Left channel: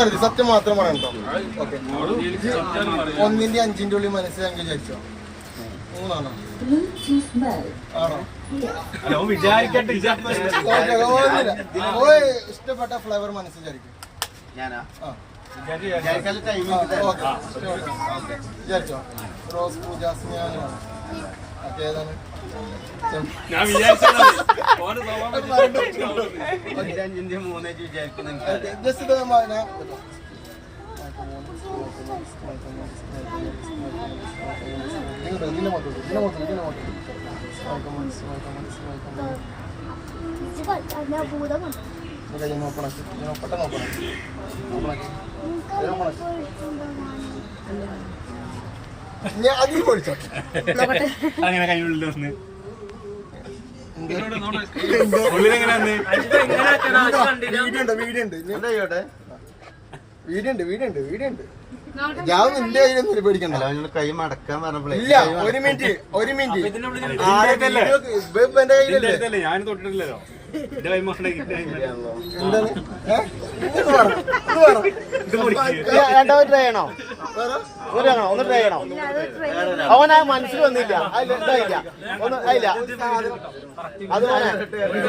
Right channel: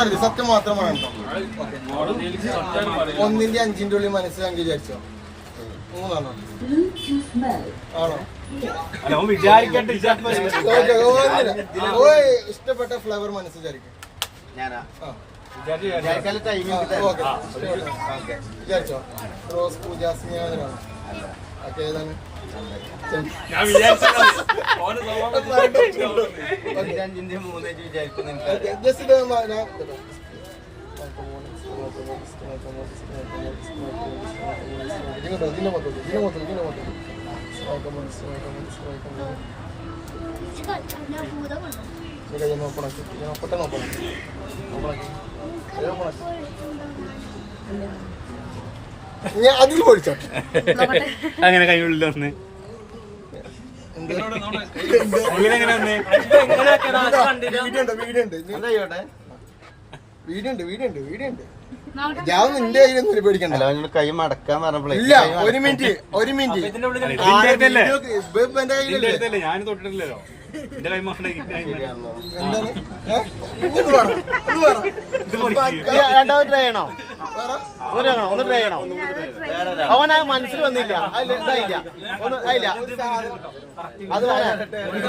സത്യം മാത്രമാണ് കേട്ടോ. ഒന്നിന്റെ അഞ്ചിന്റെ ഉള്ളിൽ മനസ്സിലാക്കി വിചാരിച്ചോ? മൂന്നാണോ? ആണോ? ഇഷ്ടപ്പെട്ട ഫ്ലേവർ മനസ്സിൽ വിചാരിക്കും. വിചാരിച്ചോ? റോസ് പൂ, ജാസ്മിൻ, അങ്ങനെയാണ്. ഓക്കെ, ഏതാണ്? അതിൽ പൊളിച്ചോ അങ്ങനെ കയ്യുള്ളിൽ വന്ന് വീടുണ്ട് ഞാൻ നിന്റെ കയ്യിലൊന്നും പേടിക്കണ്ടല്ലോ. കൈ മടക്കാൻ പറഞ്ഞപ്പോഴേ ഇല്ല, ഒരു മിനിറ്റ് എന്റെ കയ്യിലല്ലേ. ഞാൻ തൊട്ടിട്ടില്ലല്ലോ. എന്റെ കൈ രണ്ടാമത് ട്രൈ ചെയ്യണോ? ഒന്ന് ട്രൈ ചെയ്യണോ? അവനാ മനസ്സിൽ വന്നില്ല, ഇതായില്ല, ഒന്ന് ആയില്ല അത്